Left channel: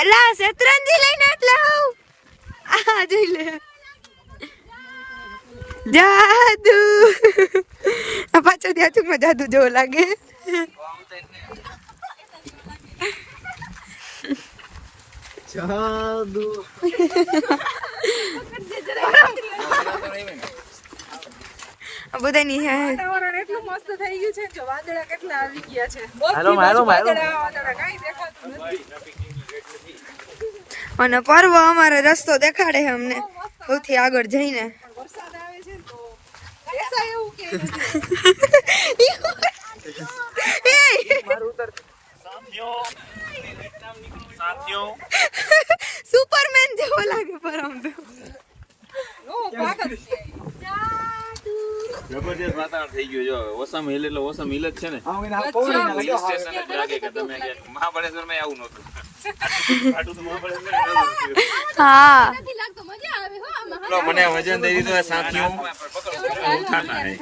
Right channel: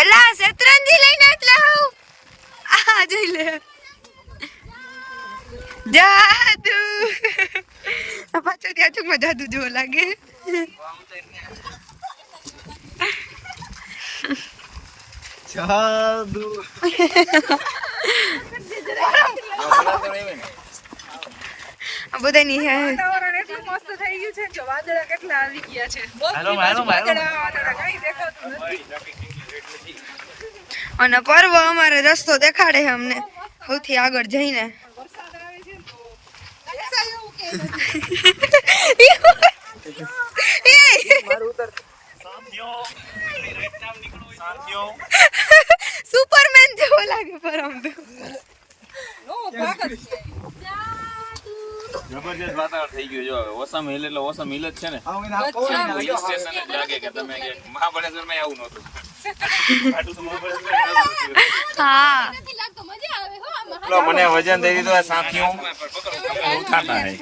એલા શેત્રંજી લઈને એટલે આવ આ જોઈ લે. જાદુ. આ પાછળ ત્યાં ચૂકમાં જાદુ જેવો લાગે. જાદુ. બધાની હે. વાતાવરણ એટલું મસ્ત થઈ ગયું છે કે વાદળા કેટલા આવી ગયા છે. Hello, hello, hello. વાદળા, વાદળા, કાંઈ દેખાતું નથી. અને પર્વ અમારે રસ્તો દેખાડે છે અમને. સૌથી આગળ જઈને. સુપરમેન જેવો લાગે પર આમ તો. નો ભાગ જ છે. જબરજસ્ત વાતાવરણ થઈ ગયું જો હવે ઓસમ હિલ એટલે ઓસમ હિલ જ છે ને. હિલ સ્ટેશન જ લાગે કે તમે કે મહાબળેશ્વરમાં આવું નતું હા. મને વજન દઈ દીધું સાથીઓ. ઉઠાતા હે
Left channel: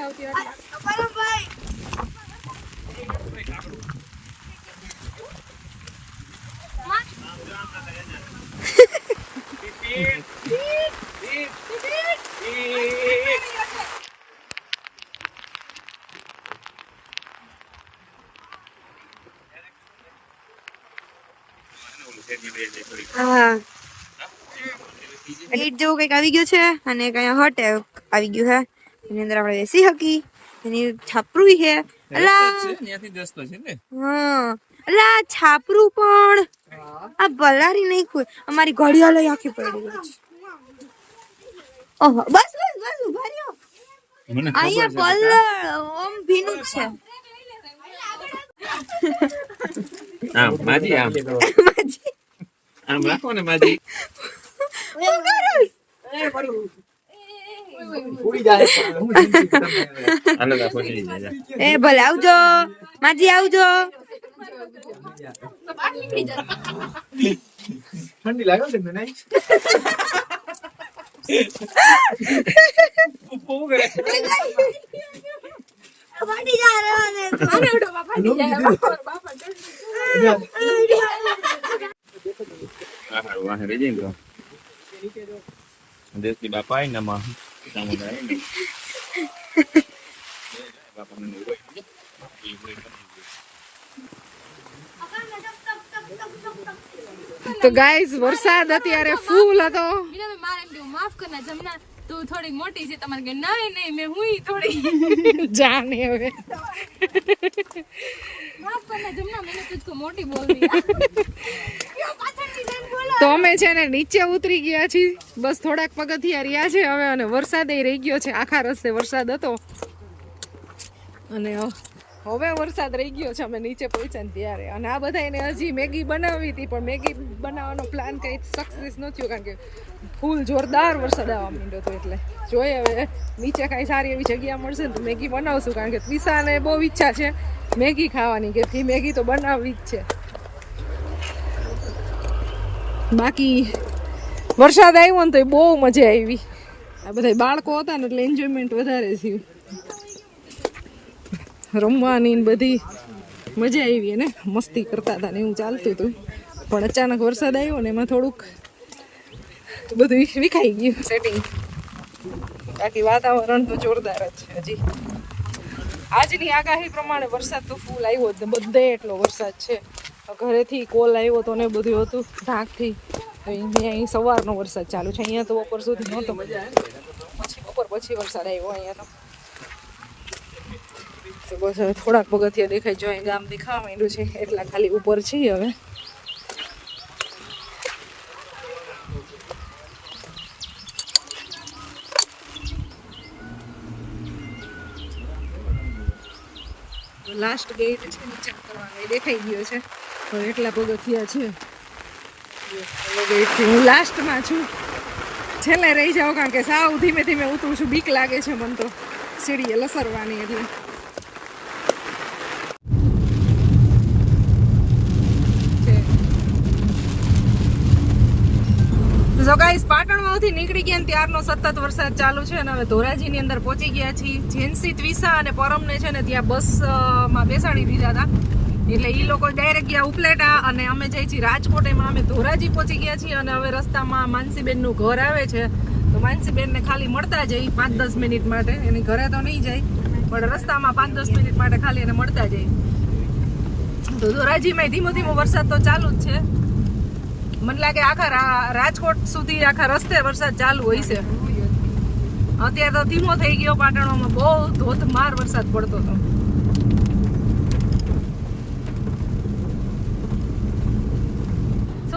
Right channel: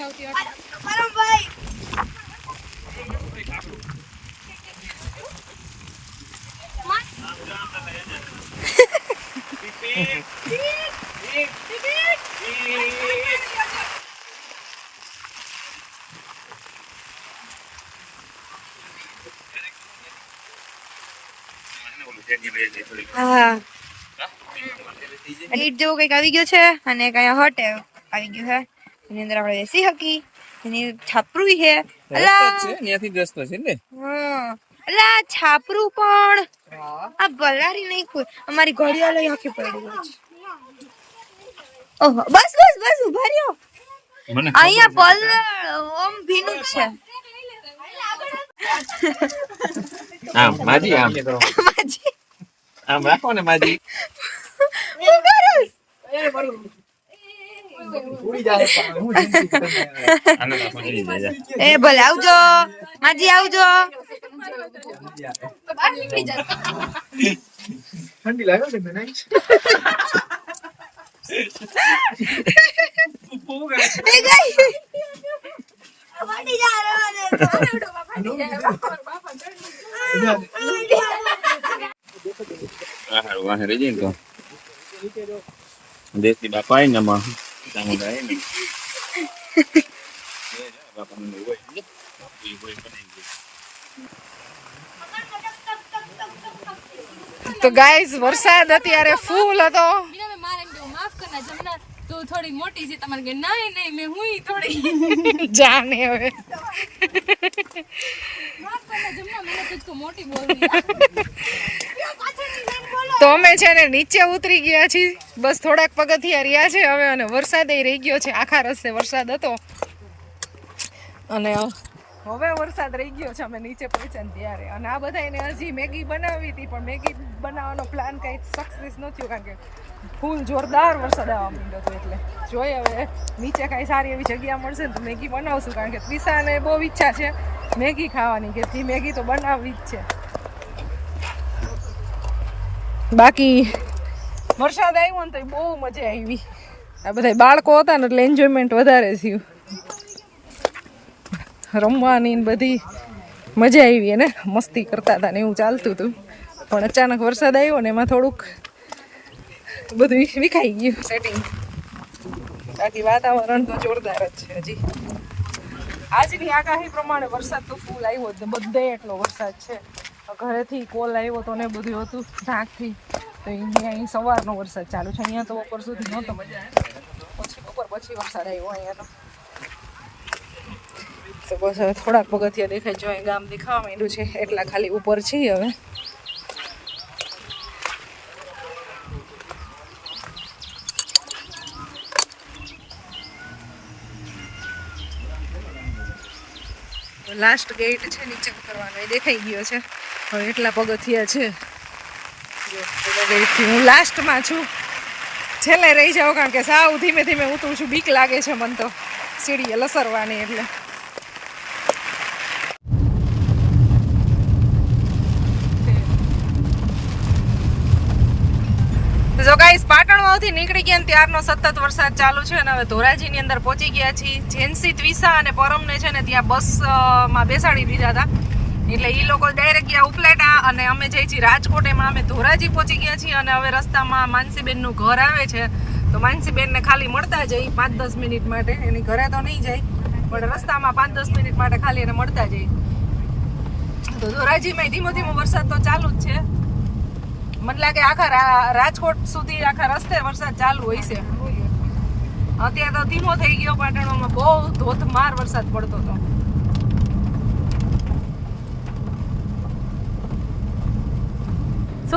હા. નીટ જેવું કંઈક આવી ગયું છે અને અહીંયા હોટ આવી ગયું છે. એની અંદર આપણે બેસી હકી એની છાપરું છે. અલા! ત્યાંથી રસ્તો છે ને? હા. અલા છાપરું પણ આ બલારી નહીં કોઈ અમારી ઘડિયાળ આખી પડી ગઈ છે. ઓહો બસ બસ બસ ઊભા રહ્યો. અહીંયા પલ ઓમ ભીનું છે. હા માજી આમ માજી આમ રાખો ને માજી. હું ચડી જાય જા. એ ભલે આવજો માજી આવજો ઠંડી લાગે છે મને એ જા હારું, વાહે રહી જાય ને તો દેશી ને. હોય બનાવી દે. તો ગાઈસ વરસાદ અત્યારે ફૂલ હતો મેં માફ કરના જમના તું થોડી મોટી છે તમારે કે નહીં નહીં મેં હું થોડી જાને હવે માફ કરના જમના મને તુજકો મોટી બોલ દિયા તો અમે છે ને નીચે ઉતરી ગયા છીએ. બસ થોડાક પગથિયા રહ્યા છે હવે અને વરસાદ રહી ગયો છે. આખા રસ્તે વરસાદ હતો. અને હવે વરસાદ રહી ગયો છે. અમે નીચે પહોંચ્યા ત્યારે. અને આ બધા એને હજી મેગી બનાવી હતી, પણ મેગી બનાવવાનો પ્લાન કંઈ સક્સેસ ન થયો, કારણ કે ફૂલ જોરદાર વરસાદ આવવા માંડ્યો હતો એટલે. જોઈએ હવે નીચે કાંઈ સારી એવી જગ્યા મળશે તો મેગી બનાવશું, કારણ કે ત્વિષાને બહુ ઈચ્છા છે મેગી ખાવાની, કે મેગી તો બનાવવી જ છે. બાકી વરસાદ આવ્યો ને તો એ બહુ મજા આવી. આ બધા બાળકો હતા ને એટલે એન્જોયમેન્ટ વધારે થયું. રમવાની ને બધી મજા આવી અને મસ્તી કરતા હતા ને એવું ચાલતું હતું. પણ અચાનક વરસાદ આવ્યો ને એમાં થોડુંક બધું વિખાઈ ગયું. સેટિંગ બાકી વાતાવરણ તો જોરદાર જ છે હજી. આજની આગાહી પ્રમાણે વરસાદ તો ફૂલ આવ્યો જ ને બધે એટલો વરસાદ છે. ઘરેથી કોલ આવ્યો હતો ને બધું હતું ઢાંકથી. તો અહીંયા અહીં સવારનો વરસાદ ચાલુ છે. અહીંયા તો બપોર સુધી નહોતો. પછી બપોર પછી વરસાદ આવ્યો અહીંયા તો. તો બસ હવે થોડાક પગથિયા દેખાય. જો અહીં ગામ દેખાવા માંડ્યું છે, એટલા ખાલી ઉપર છીએ હવે. લાસ્ટ ગેટ છે, નીચે ઉતરવાનો. એ દેખાઈ ગયો છે. હવે એટલા પગથિયા છે. જો હું લાસ્ટમાં છું. છેલ્લે રહી જાઉં કારણ કે સાવ ધીમે ધીમે ઉતરું છું. બીક લાગે છે મને તો સીડીએ લસરવાની એટલે. જો ગાઈસ પાટણ નીકળી ગયા ત્યારનો સતત વરસાદ ચાલુ છે અને હવે ધોરાજીની અંદર પહોંચી ગયા છીએ. જેન્સી ત્વિસા અને પરમને છે ને ત્યાં બસમાં બેસાડી દીધા હતા. એટલે એ લોકો ડાયરેક્ટ ગયા ઉપલેટા અને અમે જઈ છીએ રાજકોટ એમાં અમે ધોરાજી પહોંચી ગયા છીએ અને હવે રસ્તામાં માનસીબેનનું ઘર આવે છે. તો માનસીબેનને ખાલી મળતા જઈ પાંચ દસ મિનિટ માટે. એની ઘરે તો નહીં જાય, પણ રસ્તામાં પાંચ દસ મિનિટ માટે ખાલી એને મળતા જઈ. તો ધોરાજીમાં ધીમો ધીમો વરસાદ તો ચાલુ જ છે. મને લાગે આખા રાજકોટ સુધી આખા રસ્તે વરસાદ ચાલુ હોય છે. અત્યારે તો ધીમો થઈ ગયો પાટણમાં બહુ ધોધમાર વરસાદ પડતો હતો.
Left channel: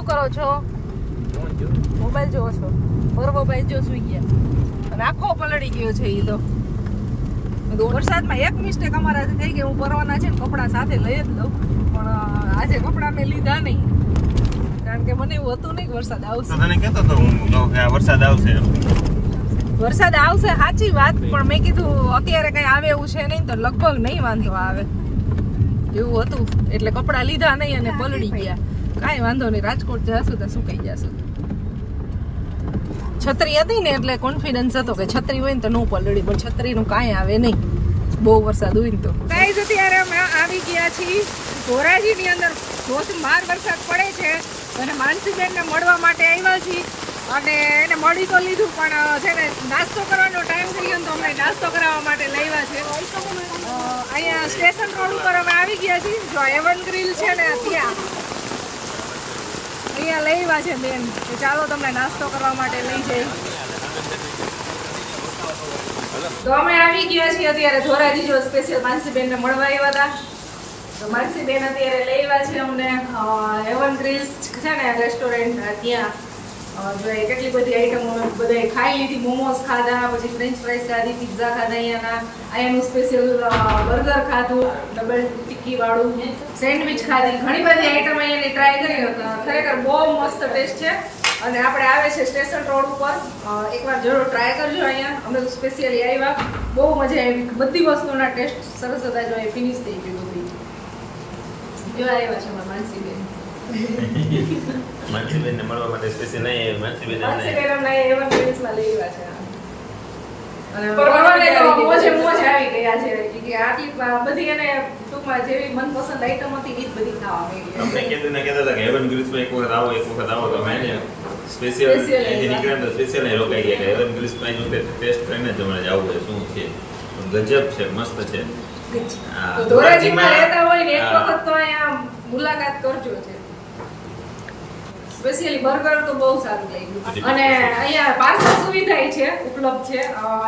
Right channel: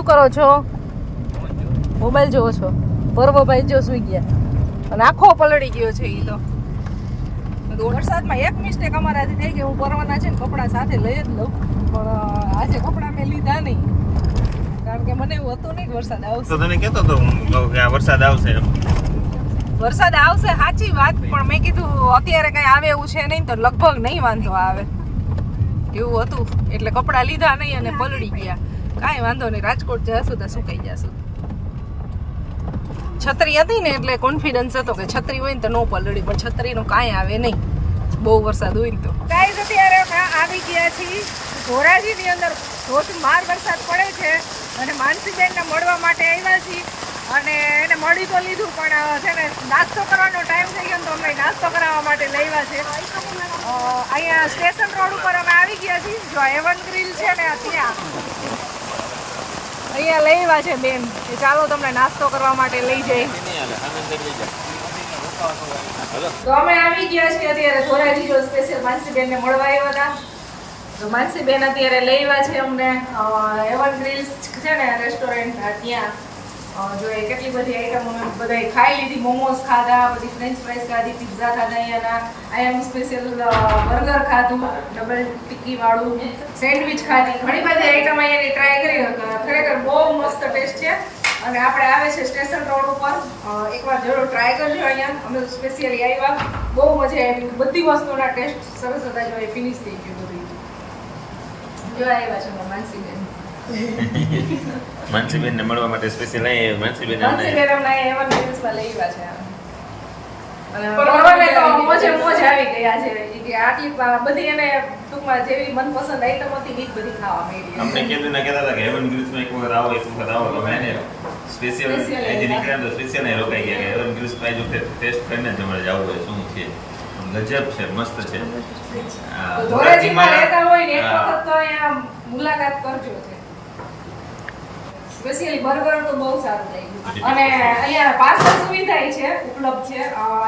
કરો છો? મોબાઈલ જોવો છો? પર્વભાઈ જો સુઈ ગયા. અને આખો પલળી ગયો છે એ તો. વરસાદમાં એક મિસ્ટેક અમારાથી થઈ ગઈ. હું પરવાના છે ને કપડાં સાથે લઈ જ લઉં. પણ આજે કપડાં મેં લીધા નહીં. કારણ કે મને એવું હતું નહીં વરસાદ આવશે. તો તને કહેતો હતો હું કે આ વરસાદ આવશે વરસાદ આવશે સાચી વાત. પણ મેં કીધું અત્યારે કઈ આવે એવું છે નહીં તો લગભગ નહીં વાંધો આવે. એવું હતું. એટલે કપડાં લીધા નહીં અને પલળી ગયા. કાંઈ વાંધો નહીં, રાજકોટ જશું તો સુકાઈ જશું છત્રી હતી ને એટલે કોન્ફિડન્સ હતો કે છત્રી હોય ને તો નો પલળી, પણ છત્રીનું કાંઈ આવે નહીં. બહુ વરસાદ હોય ને તો. ગાઈઝ અત્યારે અમે આવી ગયા છીએ ધોરાજીની અંદર. ધોધમાર વરસાદ પડે છે અને માનસીબેનને મળવા માટે આવ્યા છીએ. અને એને મળી તો લીધું, પણ છે ને, નાસ્તો કરવાનો ટાઈમ થઈ ગયો તો અમને નાસ્તો કરાવવા માટે લઈવા છે. અહીંયા સ્ટેશન રોડ ઉપર અમે આવી ગયા છીએ, જો એવન ગ્રીલ છે ને, ત્યાં. અહીંયા લઈવા છે બેન. કે ચાલો તમને નાસ્તો કરવા માટે લઈ જઈ. તો અમે આવી ગયા છીએ અત્યારે ધોરાજી જો સ્પેશિયલ માનસીબેનને મળવા આવ્યા હતા. તો માનસીબેન અત્યારે લઈ આવ્યા છે અમને હેવન ગ્રીલ્સ છે ને રેસ્ટોરન્ટ ત્યાં. અ, જો કેટલી બધી આઈટમ બધાએ ખાઈ લીધી મોમોસ ખાધા પછી ફ્રેન્ચ ફ્રાઈસ ખાધી પિઝા ખાધા અહીંયાના. અહીંયાનું સ્પેશિયલ બર્ગર ખાધું ડબલ ટિક્કી વાળું સેન્ડવિચ ખાધી. ઘણી બધી આઈટમ અહીંયાની ટ્રાય કરી ખરેખર બહુ મસ્ત ટેસ્ટ છે. અને આપણે આવે છે સ્ટેશન રોડ ઉપર. એકવાર જરૂર ટ્રાય કરજો અહીંયા. અમે સ્પેશિયલી આવ્યા. બહુ મજા આવી. બધી વસ્તુના ટેસ્ટ સરસ હતા. જો એ ફિનિશ થઈ ગયું બધું. જો આવ્યા છે અમારા માનસીબેન. માનસીબેનને મળવા માટે સ્પેશિયલ અહીં માનસીબેન માનસીબેન અહીંયા એવન દિવસમાં લઈ આવ્યા છે. અને પ્રણવને તો મોજે મોજ આવી ગઈ આજે ઈ કે આટલી પા- બધી એને ટૂંકમાં જેવી મનપસંદ આઈટમ હતી ઈ જ બધી ખાવા અમને મળી કીધું ને કહેતા હતા કે હેવન ગ્રીસમાં એક વખત આવો એક વખત આવો. તો મેં સ્પેશિયલ Special અહીંથી આવ્યા. નીકળ્યા ને તો સ્પેશિયલ અહીં રોકાઈ ગયા કે હેવન ગ્રીસમાં જો ટેસ્ટ કરીને જ અમારે હોય શું છે? ગજબ છે મસ્ત છે. ધોરાજીમાં રહેતા હોય ને એક વખત તો અહીંયા મુલાકાત કરજો છે. સ્પેશિયલી બર્ગર તો બહુ સારું લાગ્યું. અને અહીંયા પાર્સલ સુવિધા છે ઉપલબ્ધ છે.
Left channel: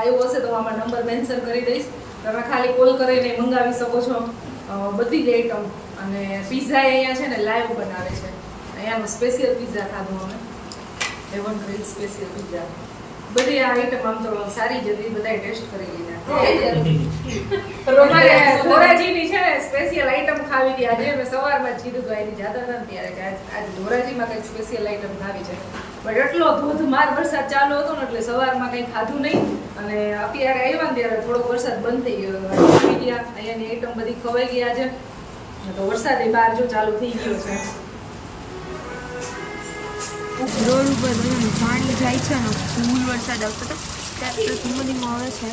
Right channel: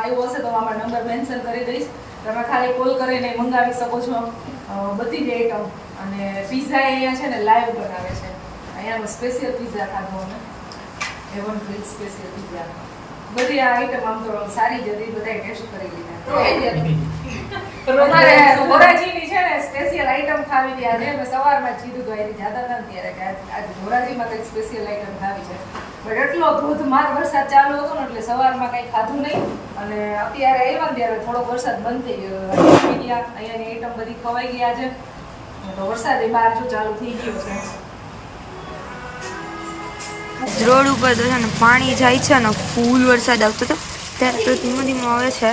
એવું હશે તો આમાં નંબર મેન્શન કરી દઈશ. તમે ખાલી કોલ કરીને મંગાવી શકો છો. બધી જ આઈટમ અને પિઝા અહીંયા છે ને લાઈવ બનાવે છે. અહીંયાનું સ્પેશિયલ પીઝા ખાધું અમે. એવન ગ્રીલ સ્પેશિયલ પિઝા બધી આ આઈટમ આમ તો સારી જ હતી બધાએ ટેસ્ટ કરી લીધા. અમારે ધોરાજીની છે ને સ્પેશિયલ આઈટમ ખાવી હતી. આજે અમે સવારમાં જ કીધું તો અહીં જતા હતા ત્યારે કે આજે ધોરાજીમાં કંઈક સ્પેશિયલ આઈટમ ખાવી છે. પણ એટલો ધોધમાર વરસાદ ચાલુ હતો ને એટલે સવારમાં કંઈ ખાધું નહીં. અને અત્યારે આવ્યા ને ત્યારે થોડોક વરસાદ બંધ થઈ. ગયા. અહીંયાની આઈટમ બધી ખવાઈ ગયા છે તો વરસાદ એ બહાર જો ચાલુ થઈ ગયો છે. રોડ ઉપર તો છે ને પાણી જાય છે ને ફૂલ વરસાદ આવતો હતો, ત્યારે તો ધીમો ધીમો આવે છે.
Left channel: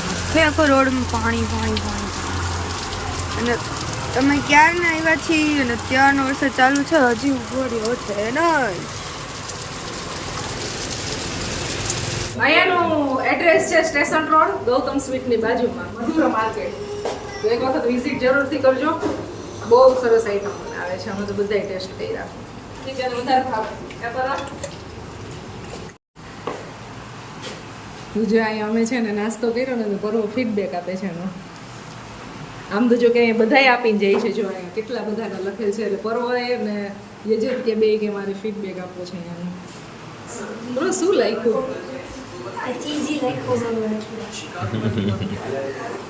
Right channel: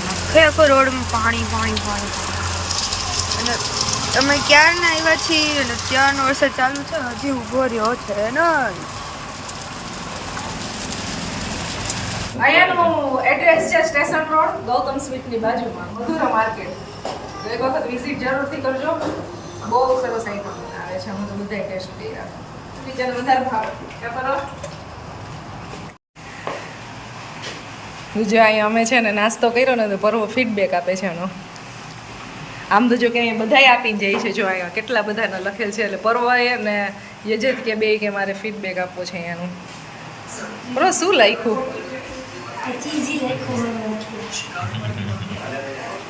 આખે આખો રોડમાં પાણી પાણી પાણી. અને તમે ક્યારના આવ્યા છીએ અને ત્યારનો વરસાદ ચાલુ છે? હજી ઊભો રહ્યો છે નહીં. અહીંયાનું એડ્રેસ છે સ્ટેશન રોડ, ગૌતમ સ્વીટની બાજુમાં, મધુરા માર્કેટ એક વખત વિઝિટ જરૂરથી કરજો. બહુ સરસ આઈટમ આવે છે, અમે તો બધા ટેસ્ટ કર્યા. ટીચરને વધારે ભાવ કરો? જો અહીંયા અમે છે ને નાસ્તો કર્યો ને તો પર્વો ફીડબેક આપે છે એનો. આમ તો જો કે અહીંયા બધાય આપીને જાય છે, જો અહીંયા કેટલા બધાને લખેલ છે, એટલે પરવાએ ને યજત કે બે કે મારે ફીડબેક આપવો છે અહીંયાનું. બરો શું લખ્યું?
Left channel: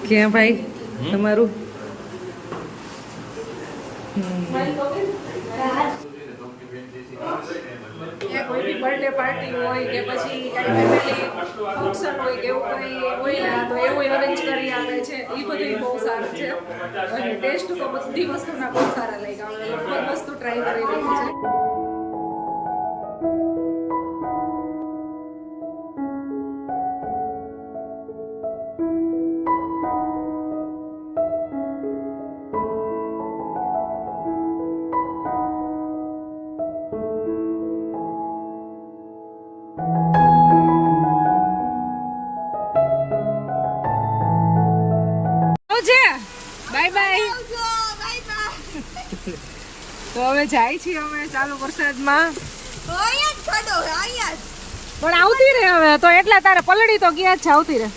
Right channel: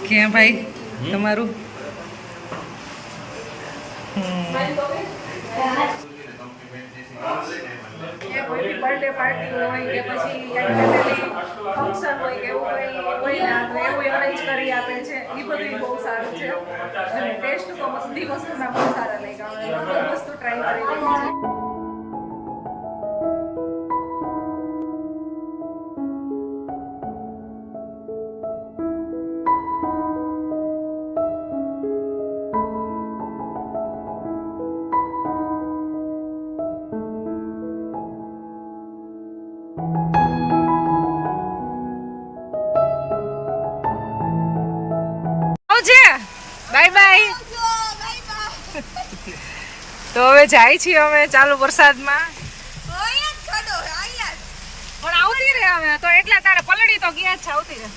ક્યાં ભાઈ, તમારું? બર્થડે પાર્ટી હોય કે પછી કઈ ફેમિલી ફંક્શન હોય કે એવું કંઈ હોય ને, તો એવું અરેન્જ કરી આપે છે. એ બધું બહુ સારું છે. અને ટેસ્ટ તો બધી વસ્તુના બહુ સારા લાગ્યા. અમે લગભગ વસ્તુ ટ્રાય કરી રહી છે. તો હવે જાય છીએ અમે ચાલુ વરસાદમાં. પણ આવતી રે હવે તો એટલા તારે પલડી તો ગયા છે આવતી રે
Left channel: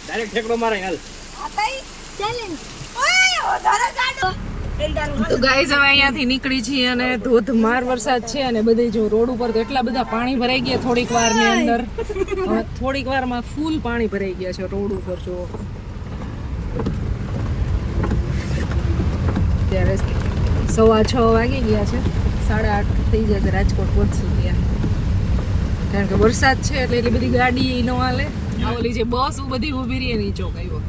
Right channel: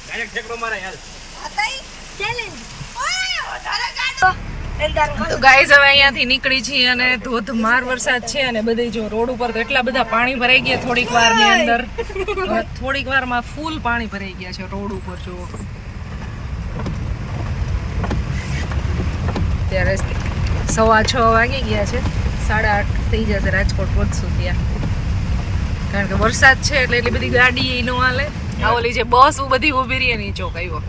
તો ગાઈઝ હવે અહીંયાથી નીકળી છીએ અને ધોધમાર વરસાદ છે અને બધે જો રોડ ઉપર તો એટલા બધા પાણી ભરાઈ ગયા થોડીક વારની અંદર. થોડીક વારમાં ફૂલ પાણી ભરાઈ ગયા છે રોડ ઉપર જો ત્યારે સવા છ વાગી ગયા છે. સાડા આઠ થઈ જશે રાજકોટ પહોંચશું ત્યાં કારણ કે વરસાદ છે એટલે એટલી બધી ગાડી એ ન હાલે. આ ઓલી જે બસ બધી ઊભી રહી એની ચોક આવ્યો.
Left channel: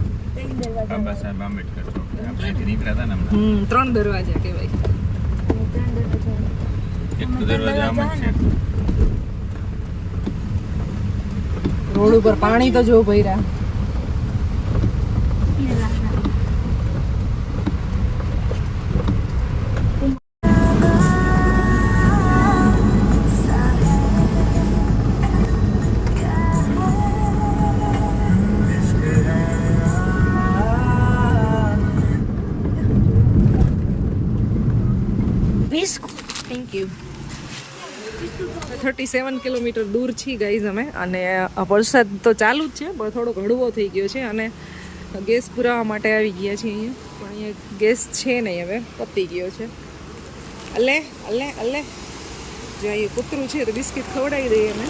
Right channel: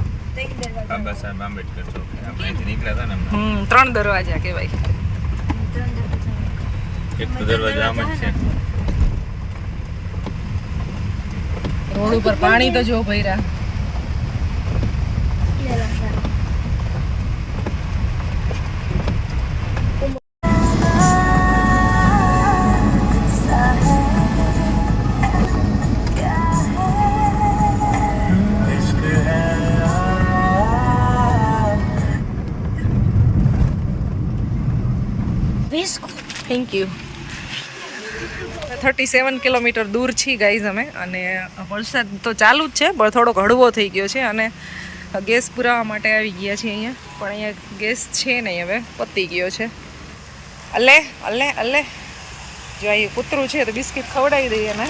હમ. ત્રણ દરવાજા કહેવાય. રોડ ઉપર પાણી તો જો ભર્યા. યુ થર્ટી સેવન કિલોમીટર દૂર છીએ ગાઈઝ અમે. અને વરસાદ તો ચાલુ જ છે, પણ થોડોક હળવો થઈ ગયો છે. અને ગેસ પુરાવા માટે આવી ગયા છીએ અહીંયા. પણ અહીંયા ગેસ છે નહીં હવે, પતી ગયો છે. અલે અલે અલે જો અહીં કૂતરું છે તો બિસ્કિટ ખવડાવી દઈએ ને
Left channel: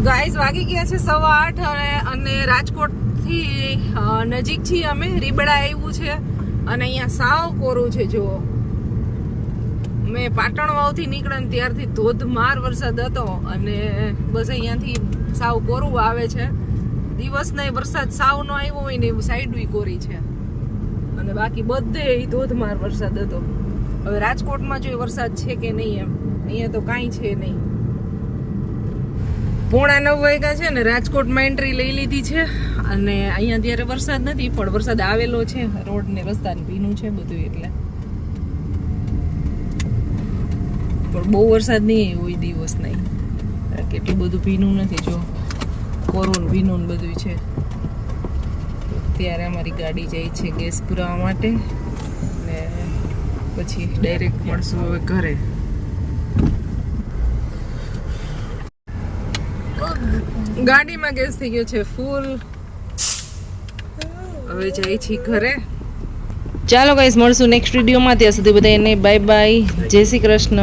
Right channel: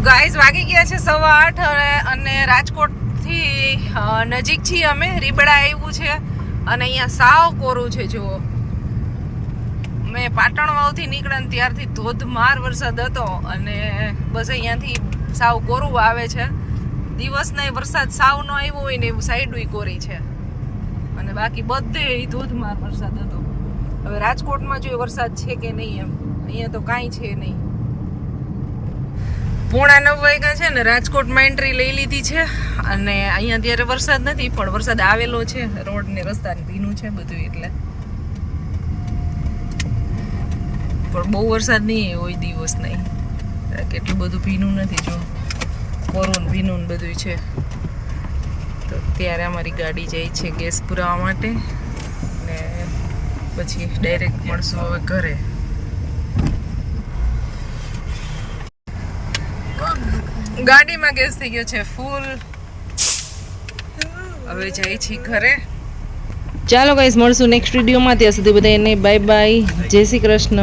તો ગાઈઝ વાગી ગયા છે સવા આઠ અને રાજકોટથી નજીક છીએ અમે, રીબડા આવ્યું છે અને અહીંયા સાવ કોરું છે, જુઓ. મેં પાટણ વાવથી નીકળ્યા ત્યારથી ધોધમાર વરસાદ હતો અને બસ અહીંયાથી સાવ કોરું આવે છે. દિવસને વરસાદ સાવ નો આવ્યો હોય ને એવું સાઈડ કોરી છે. અને બાકી બધે ધોધમાર વરસાદ હતો. હવે રાજકોટમાં જો વરસાદ છે કે નહીં એમ? અહીંયા તો કાંઈ છે નહીં. પોણા નવ વાગ્યા છે ને રાજકોટમાં એન્ટ્રી લઈ લીધી છે. અને અહીંયા અત્યારે વરસાદ નથી, પણ વરસાદ આવેલો છે. રોડ ને રસ્તા ભીનું છે બધું એટલે. પણ બહુ વરસાદ નહીં હોય દિવસ નહીં. કેટલું બધું ભીનું નથી, જો. કોરું ભીનું બધું છે. તો ત્યારે અમારી ગાડી જાય છે ગેસ પુરાવા માટે. ને પછી ડાયરેક્ટ મળશું હવે ઘરે. ગાડીમાં ગેસ થઈ ગયો છે ફૂલ. હવે જાય છે ઘરે. ચાલો ગાઈસ મળશું નેક્સ્ટ વિડીયોમાં ત્યાં સુધી બધાને બાય બાય જય શ્રી કૃષ્ણ.